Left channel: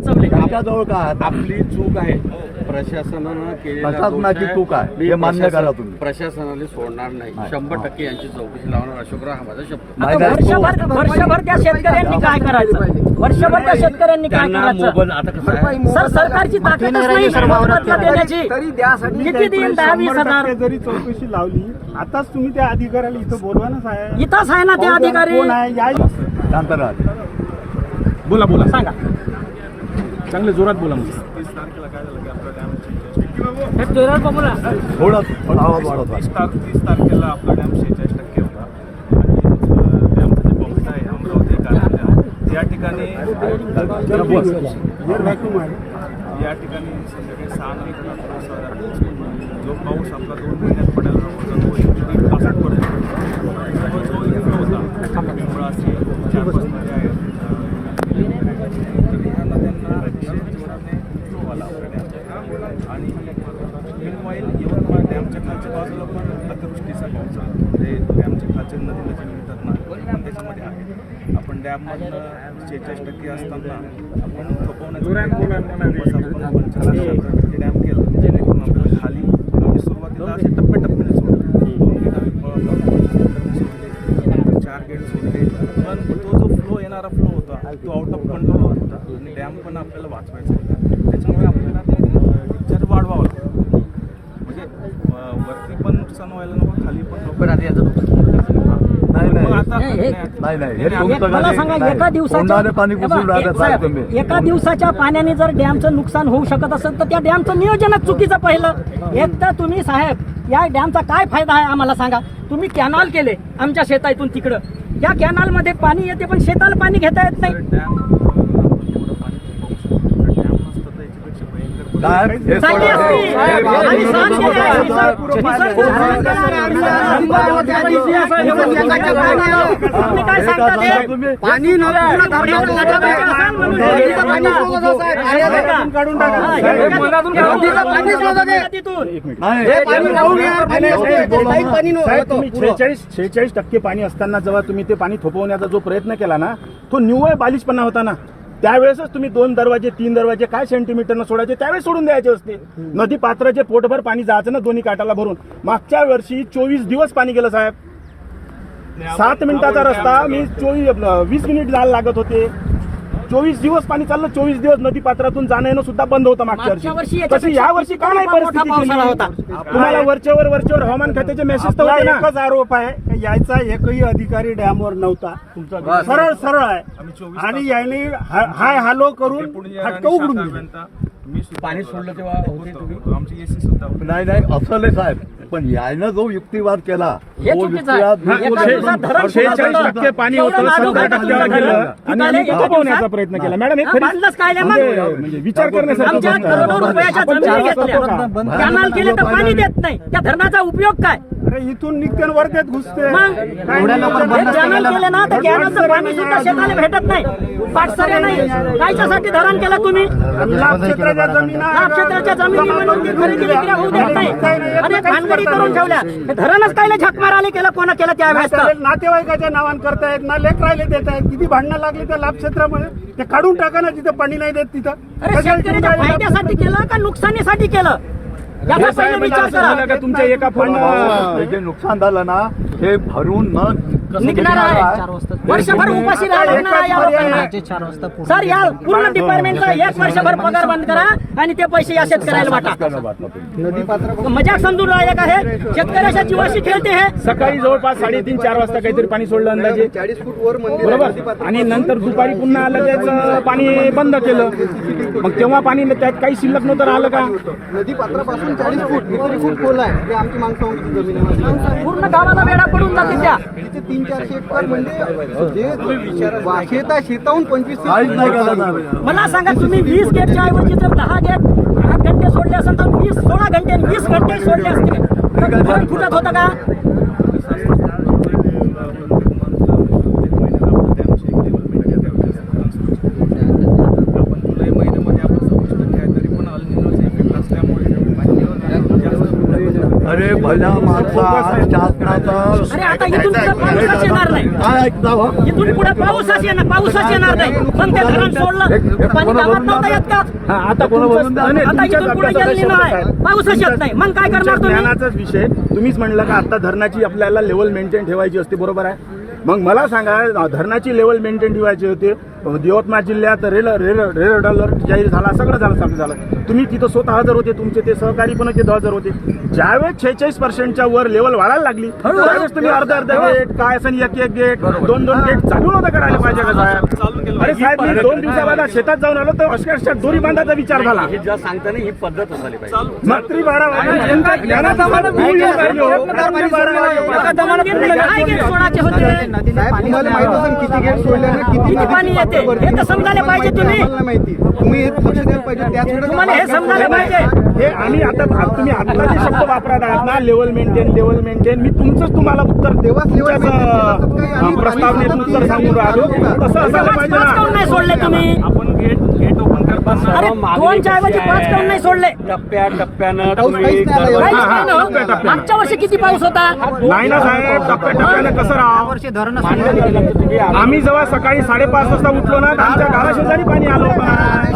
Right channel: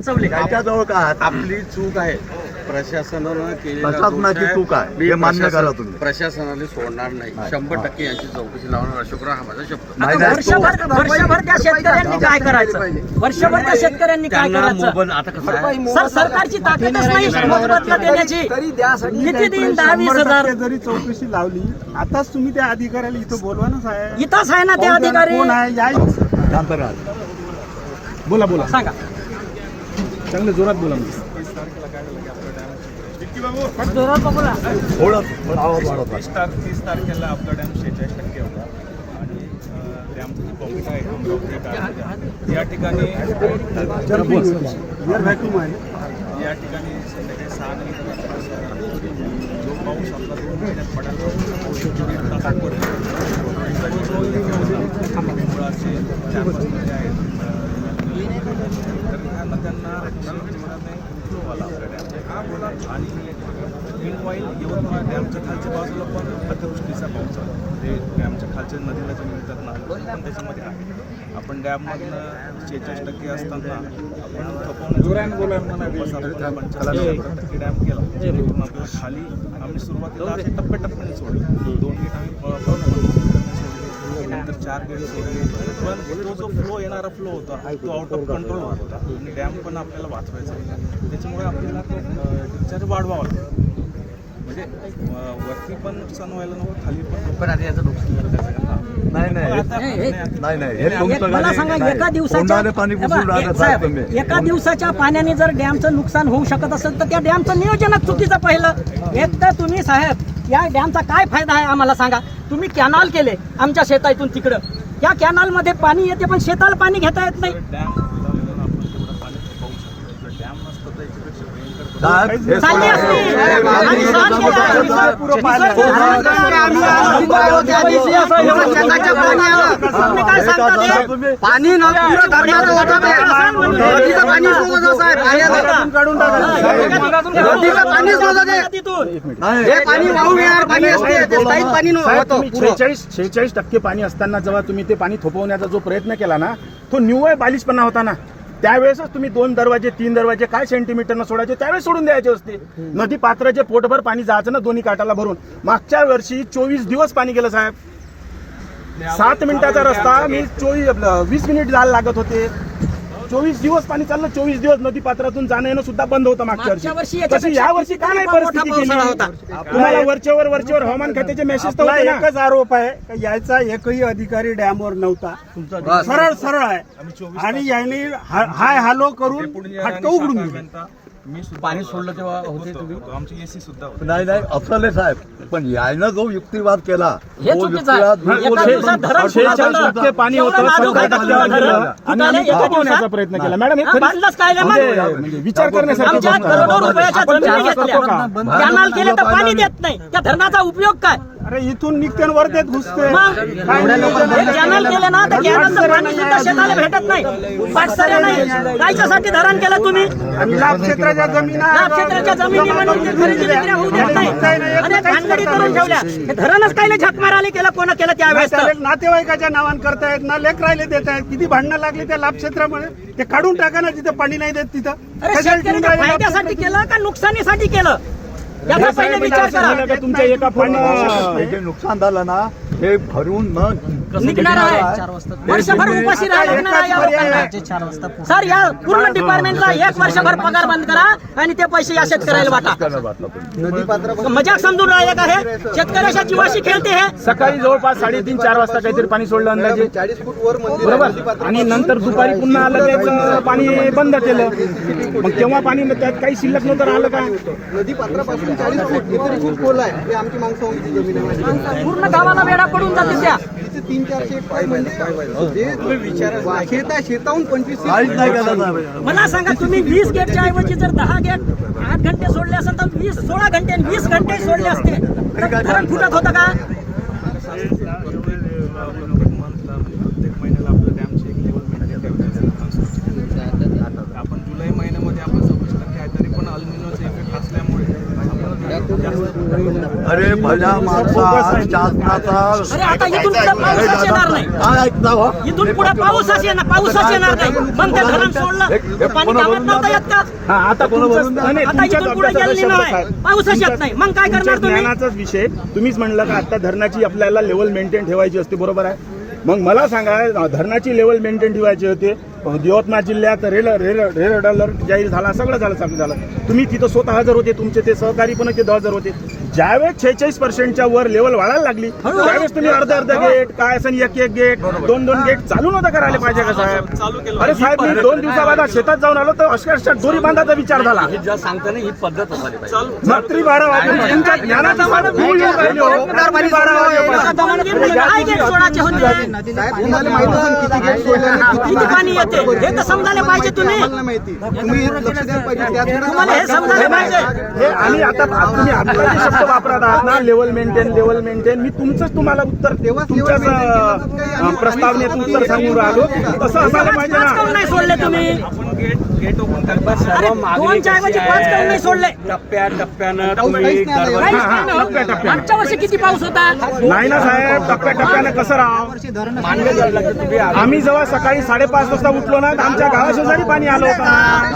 वाचवले. त्याच्याजवळ का आपली चूक आहे, प्रशासनानं केलेला प्रशासनाची चूक आहे, हे मान्य करा तुम्ही. प्रशासनाने सोडणार नाही, 100% यांची चौकशी लावणार. अशोकराव हा माझा शब्द. नाही, नाही, वर्षभर त्या शेतकऱ्यांनी काय करायचं? वर्षभर त्या शेतकऱ्यांनी काय करायचं? आता कसं आहे, सर, सरकारची ताकदच नाही मोबदला देण्याची. किती देईल? 10-20 जरी चौकशी लावली, आताच तुम्ही त्या अधिकाऱ्याला इथं बोलवा ना साहेब. इथंच आहे ना ते अधिकारी. कोण आहे या शांत राहा. बोला बोला, सांगा. चांगले जोरात बोला. थोडं आवाज वाढवता. 30 तारखेला आपला डॅम 46% होता आणि डॅमचं जे पंप आहे अमरावती कारंजा या ठिकाणी या ठिकाणी संध्याकाळी 6 नंतर जो पाऊस आपला 2 महिन्यात पडायला होता तो 1-1.5 तासात पडतो. जो इन्फ्लो होता पिंपळा असेल 4-5 नद्या आहेत तर ह्या नद्यांना जोराने फ्लो आला आपल्या डॅमला. आणि मीनवाईल यवतमाळ डॅमच्या खालच्या बाजूला पण अतिवृष्टीचा पाऊस झाला. म्हणजे डॅमच्या खालच्या नदीला जे मिळतात ना ते पण त्याच्यामध्ये आहे. आपण डॅममधनं 46% असताना आपण खपवण्याचा 50-70% डॅम केला. जेणेकरून आपल्याला खाली आम्ही सुरुवातीला असे टप्प्याटप्प्याने सोडले. 2 सोडले, नंतर 4 गेट सोडले. पण तो जो फ्लो येणारा फ्लो होता तो आउट ऑफ कंट्रोल होत होता आणि डॅम पण आपल्याला वाचवायचा होता. त्याच्यामुळे आपल्याला तो डिस्चार्ज वाढवावा लागला. म्हणजे वरती पण नुकसान व्हायला नको, खाली पण लोक आधी याचं नाही नाही नाही, हे तुमचं मला सांगा, एका दिवसाच्या पाणी घुसून राहिलं साहेब तुम्ही. एका दिवसाच्या पाण्याने जर डॅमचं नुकसान होऊ शकत असेल तर त्या डॅमचं नियोजनच चुकीचं पहिलं. एक तर तुम्ही साहेब या डॅमचा काय फायदा आहे आम्हाला सांगा. तुम्ही कॅनाल केले आमच्या शेतातून तिकडं, या कॅनालमध्ये पाणी येते पण शेताला पाणी घेता येत नाही. डॅम आपण एवढं पाणी पाहू शकतो. डॅम नसतं तर याच्यापेक्षा भयंकर पाणी काढून टाका. 46% पाणी असताना जेव्हा तुम्ही ते पाणी थोपवण्याचा जो प्रयत्न केला ना तो निव्वळ बालिशपणा होता ना. त्यावेळेसच तुम्ही 2 दरवाजे 3 दरवाजे काय सेंटीमीटरनं सोडायचे त्यावेळेस सोडून द्यायचे असते. नदी पात्राचे पोटभर पाणी जायचं ना दोन्ही काठाला भरून. मागच्या वर्षी 24 दिवस पाणी गेलं साहेब. 7 मिनिटाचा रस्ता मी 20 मिनिट जायला लागत होते. 24 दिवस पाणी चाललं. 24 दिवस नदी पात्रातून जाणं येणं सुद्धा बंद होतं मागच्या वर्षी. तशी या वर्षी का नाही परिस्थिती केली? तुम्हाला वरचेवर हवामान खात्याचे मेसेज तर होते ना. एकच आरोप आहे, यायचा एकही अधिकारी डॅमवर नव्हता. तुमचा सरळ आहे आणि याने हाय हॅलो करून फटका उघडून दिला. मी पाणी सोडलं तेव्हा होतो आमची एसी सुद्धा होती. नाही नाही असले साहेब, पण यायनं जो युक्तिवाद केला हे चुकीचं आहे. 46% पाणी होतं 70%वर गेलं आणि आम्ही थांबवण्याचा प्रयत्न केला. मॅडम हे खरी म्हणजे विचार करण्यासारखी गोष्ट आहे. आपण चर्चा करतो का? कॅनाल केले तर पाणी देत नाही, त्या धरणाचा उपयोग काय? अरे इथून निघते वर्धेत घुसते. कॅनल केले ना तर कॅनलचं पाणी सुद्धा शेताला भेटत नाही. पाटसरे नाही. कायच्यासाठी धरण केलं तुम्ही? लाभ क्षेत्राच्या जमिनी खरेदी विक्री होऊ देत नाही. आणि भानगडी करून ठेवल्या. हे धरणच कायले झक मारायला केलं? कोण केलं त्यावेळेस? नातेवाईकाच्या नावान करतायत ना, लेकरायले देत आहेत. किती भांडणं लागली त्या लाभ क्षेत्रामध्ये. ते काढून टाका ना, जिथं पाणी नाही देत तिथं. अरे शेतकऱ्याच्या फायद्यासाठी केलं का नुकसानीसाठी केलं? याचा पहिले विचार करा. तुमच्या एका जे नुकसान झालं ना हे भरून निघणार आहे. वर्षभर उपाशी सर, या पूर्ण डिपार्टमेंटचा 1 वर्षभर पगार बंद करा आणि ते पैसे या शेतकऱ्याला वाटा. मजाक समजून राहिले का? हे शेतकऱ्याच्या जीवाशी खेळते. हे सकाळी जवळपास 3:30-4 वाजता काहीतरी पाणी सोडलं अंदाजे, 40 फूट वर बरोबर. आणि नंतर दुपारी पुन्हा आलं त्याचं पाणी बंद केलं. मग तेव्हा पाणी त्यात काही शिल्लक नव्हतं राहिलं का? नदी पात्रापासून 40 फूट खोल आहे. हे आमची माणसांची जमीन आहे. पूर्ण गावाला वेढा पडून जाते त्या. 300-400 शेत आहे. शेताहून 25 मला सांगा, तुम्ही 20 गेटच्या ऐवजी जर 10 गेट 8 घंटे सोडले असेल तर 16 घंटे 20 घंटे सोडले असते तर धरण फुटत होतं का? आपण जुलै महिन्यामध्ये आपण 26% आहे तरी पण अल्निनोचा इफेक्ट असल्यामुळे अरे पहिला मागचा शासनाचा अरे आता इथून पुढे पाऊसच येणार नाही. काय ऐकता हो? इथून पुढे पाऊसच येणार नाही. पण ते धरण सोडलं ते पाणी गावात नव्हतं येत का? हा आता तुमच्याच आता तुमच्याच इथून पुढे अभ्यासाचा गेली शब्द नाही. साहेब पाऊसच येत नाही. मग काय करणार तुमच्या तुम्ही? ज्ञानाचाच विषय तुम्हीच म्हणलं का आता धरणाची आपल्याला लेवल मेंटेन ठेवायची असते, बरोबर आहे. मग मला सांगा धरणाची लेवल मेंटेन ठेवायची होती. यवतमाळ जिल्ह्यात रेड अलर्ट जाहीर झाला, सगळं झालं, चालू झालं. तुम्ही तिथं स्वतः हजर होते, तुमचे ते सहकारी पण तिथं हजर होते. ज्यावेळेस 46% वर लेवल वाढायला लागली त्यावेळेस तुम्ही अर्ध गेट काय असं एक गेट दोन गेट चालू नव्हतं करायला पाहिजे का साहेब? अरे साहेब मी 2 दिवसाबाद शेतात जाऊन आलो तर अक्षरशः दोरी बांधाचा विचार झाला. ही पद्धत झाली पाहिजे. रात्री 12 वाजे तुमच्या ज्ञानाची वाट भूल येऊन राहिली हो. रात्री 12 काय गेट सोडायचे होते? साहेब तुम्हाला माहित असेल किती गेट सोडले आणि किती पाणी येते हे तर समजायला पाहिजे तुम्ही. आम्हाला माहिती. तुम्ही लक्ष द्यायला पाहिजे. त्यात तुम्हाला हे समजायला पाहिजे. हे आणि आता तुम्ही आता जे शब्द वापरत आहात ना लेवल मेंटेन मी तुम्हाला उत्तर तुमच्याच प्रस्तावनेत उत्तर सांगून राहिलो. तसं असायला पाहिजे पाच काऊन ना. नाही सोडले तुम्ही? आपण गेट ओपन करताना अरे दोनच्या ऐवजी पाच काऊन नाही सोडले? टप्प्याटप्प्यानं पाऊस तुम्ही काहीच नाही आला. काहीच हा, नाही ना. टप्प्याटप्प्यानं. मागच्या वर्षी किती पाऊस होता? नाही ना साहेब, टप्प्याटप्प्यानं कसं राहावं? मान्य करायला लागतं. तुम्ही आम्ही जेव्हा सकाळी 5:30 वाजता उठलो ना तर आमच्या गावाशेजारी पाणी आलं होतं.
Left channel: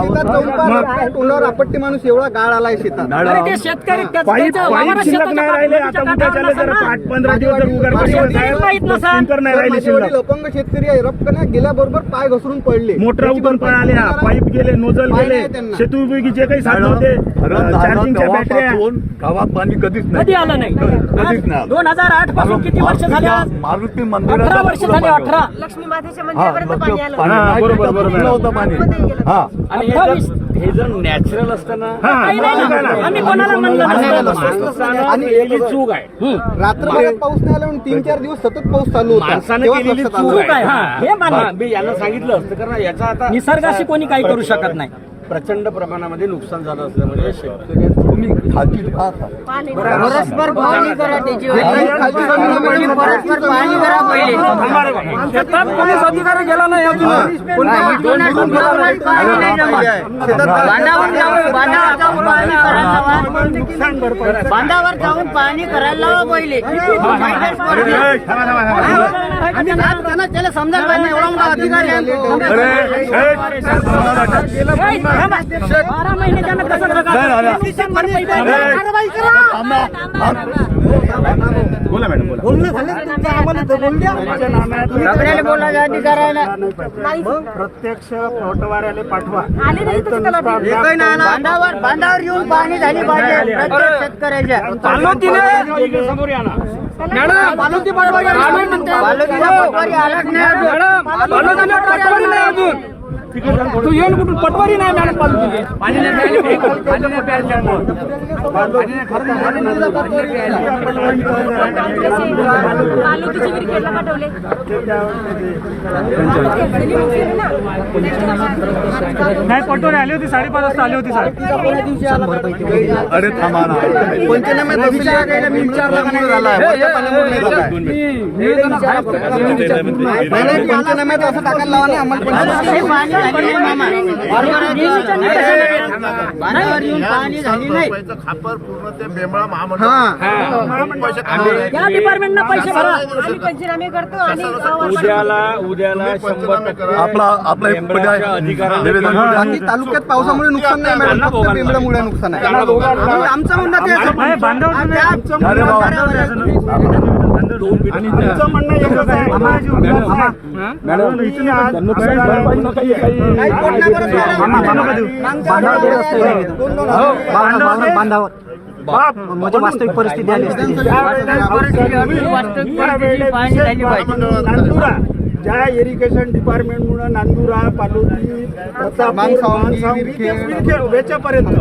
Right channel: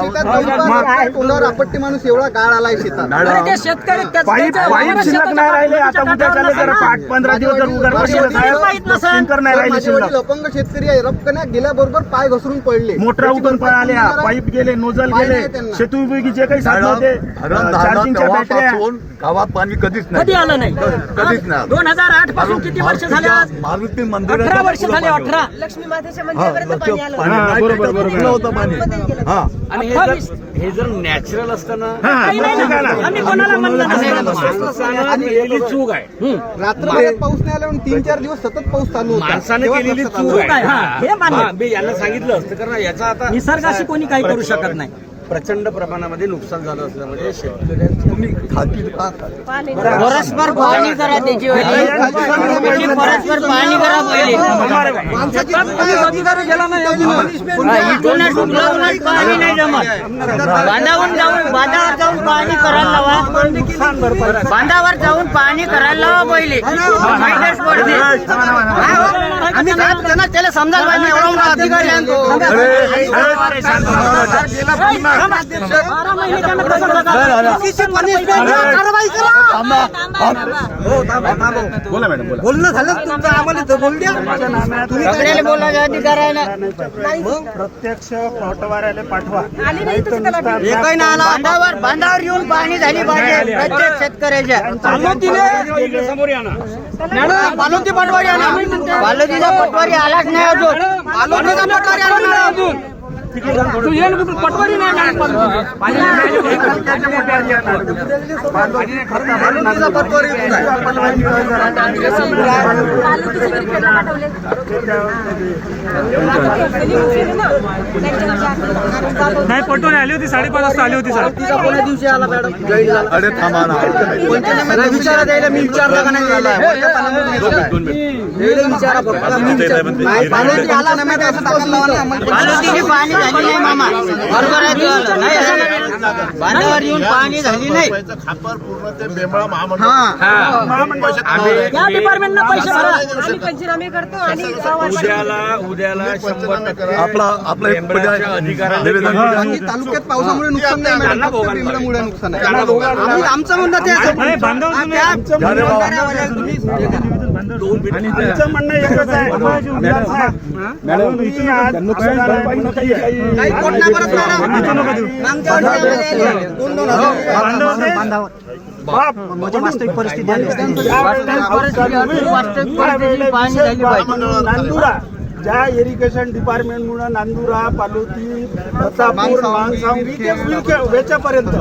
शेतात जाऊन पाहा, तोंडावर आपत्ती माणूस एवढा गाळ आलाय शेतात. अरे ते शेतकरी पाईप शिल्लक नाही राहिले. आता उद्या चालले जर 8-15 दिवस जर उघड बसले साहेब स्प्रिंकर नाही राहिले माझे शिल्लक. वडील अपंग शेतकरी आहे. रपकण्या गेल्याबरोबर पाय घसरून पडले. मोटर उठून पळाले, पाईप गेले, नोजल पाय गेले, नाही त्यांना. शेतूपयोगी जे काही साधन होते धरण झालं चार्जिंगच्या बॅटऱ्या तेव्हापासून गावात पाणी कधीच कधी नाही. आलं नाही. कधीच नाही. 2008 पासून किती वर्ष झाले आज? मारुती 18 मंदिराच्या वर्ष पुढं झाले. पाणी होतं. 18 लक्ष्मी मातेच्या हा, मंदिरापर्यंत पाणी आलं. पाणी हा, नाही, बरोबर, तिथं बरोबर. कुठलं होतं पाणी. हा आणि हे जर नॅचरल असतं ना हा काही मग नाही ठीक आहे ना. ना. आम्ही कोणाला म्हणलं नसतं. माणसानं केलेली चूक आहे. रात्रभर पाऊस नाही आला म्हणून 3-4 दिवस सतत पाऊस चालू होता. माणसानं तेव्हा केलेली लक्षात चूक आलं. चूक आहे, हा, हे मान्य. हा, मी यांना सांगितलं असतं कारण याचा आता निसर्गाशी कोणी काही करू शकत नाही. प्रचंड प्रमाणामध्ये नुकसान झालं असल्यामुळे शेतकऱ्यांचं तुम्ही खाती पाहता. पाणी परस्पर पाहणी करा त्याची परस्पर पाहणी करा पहिले पाणी नाही जमत. बांधावर जाऊन पाहणी करायला लावा. बांधावर जाऊन पाहणी करायला लावा पहिले. आम्ही काय त्यांना त्याला समजायला पाहिजे. एवढा मोठा अधिकारी आहे तो. 12 महिने त्यानं कसं जगायचं? नुकसान भरपाई द्यायची. कारवाई करा. बोला मॅडम बोला. बोलणं झालं तुमचं, आम्हाला बोलून द्या. आपल्याला बोलायचा अधिकार आहे ना. प्रत्यक्ष पटवाऱ्याला पाठवा. आले नाही तसं त्याला एकही नाही आला. बांधावर येऊन पाहणी झाली पाहिजे प्रत्येक शेतकऱ्याच्या. मॅडम, बालोती पटवारी आली. बालदीचा पटवारी आलाच नाही अजून. बालोतीचा पटवारी आली नाही अजून. तालुक्याची क्रिकेटला पाठवले. नाही पटवून आली होती 5:30 वाजता आली होती साहेब. अरे थांबा ना. मी विचारलं का नाही झालं? पंचनाम्यात असं टाकायला लावा ना. बालदीची पाहणी झाली नाही मामा. बरोबर आहे तुझं. बांधावर येऊन पाहणी झाली नाही. या डिपार्टमेंटला पैसे भरा. आम्ही पंचनामे करतो आणि उद्याला 100% आपला एक पर्याय निवेदन बाकी तालुक्यात पावसामुळे नुकसान नाही मॅडम. फक्त बेंबळामुळे नुकसान आहे. आमचं म्हणणं ते असं. आमचं म्हणणं एकच आहे. मॅडम इथून आज असं झालं पाहिजे काही काही कोण नाही करत मॅडम. इथं नका देऊ. मागच्या वर्षी आले. 2-2 हजार. बाप वास्तविक परिस्थिती नांदुरा ज्या इरिगेशन डिपार्टमेंट मुळे नांदुरा पालोटी प्रतापूर मांगसावंगी ते वेच्यापर्यंत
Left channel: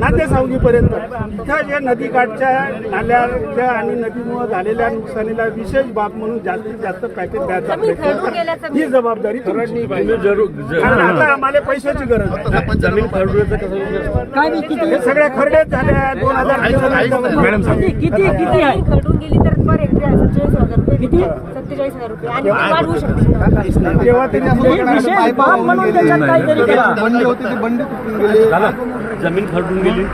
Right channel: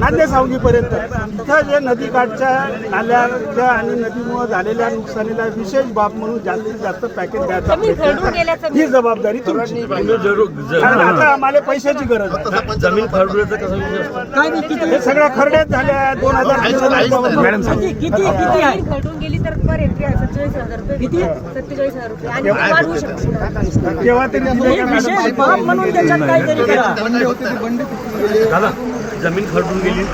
नांदेसावंगीपर्यंत इथं जे नदीकाठच्या नाल्याच्या आणि नदीमुळे झालेल्या नुकसानीला विशेष बाब म्हणून जास्तीत जास्त पॅकेज द्यायचा प्रयत्न ही जबाबदारी तुमची. कारण आता आम्हाला पैशाची गरज आहे. जमीन खरडूचं कसं काय बी किती हे सगळ्या खरडेच झाल्या 2000 मॅडम किती आहे? घडून गेली तर पर हेक्टरी 47,000 रुपये. किती? 47,000 रुपये आणि वाढवू शकतो. केव्हा तरी दिले हे का विशेष मॅडम? बाब म्हणून त्याच्यात काहीतरी करा. बंडी होती ती बंडी तुटून गेली. झालं जमीन खरडून गेली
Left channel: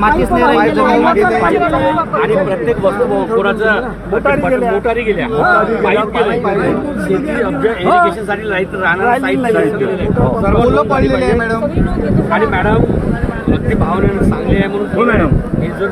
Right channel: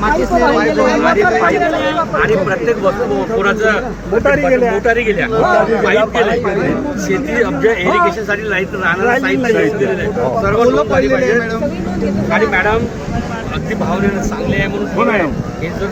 मातीच नाही राहिली. आणि प्रत्येक वस्तू कोणाचं मोटारी गेल्या पाईप गेले शेती इरिगेशन साठी लाईट राहणार सर्व लोक झाली पाहिजे. आणि मॅडम अगदी भावनेनं चांगले आहे म्हणून हे जर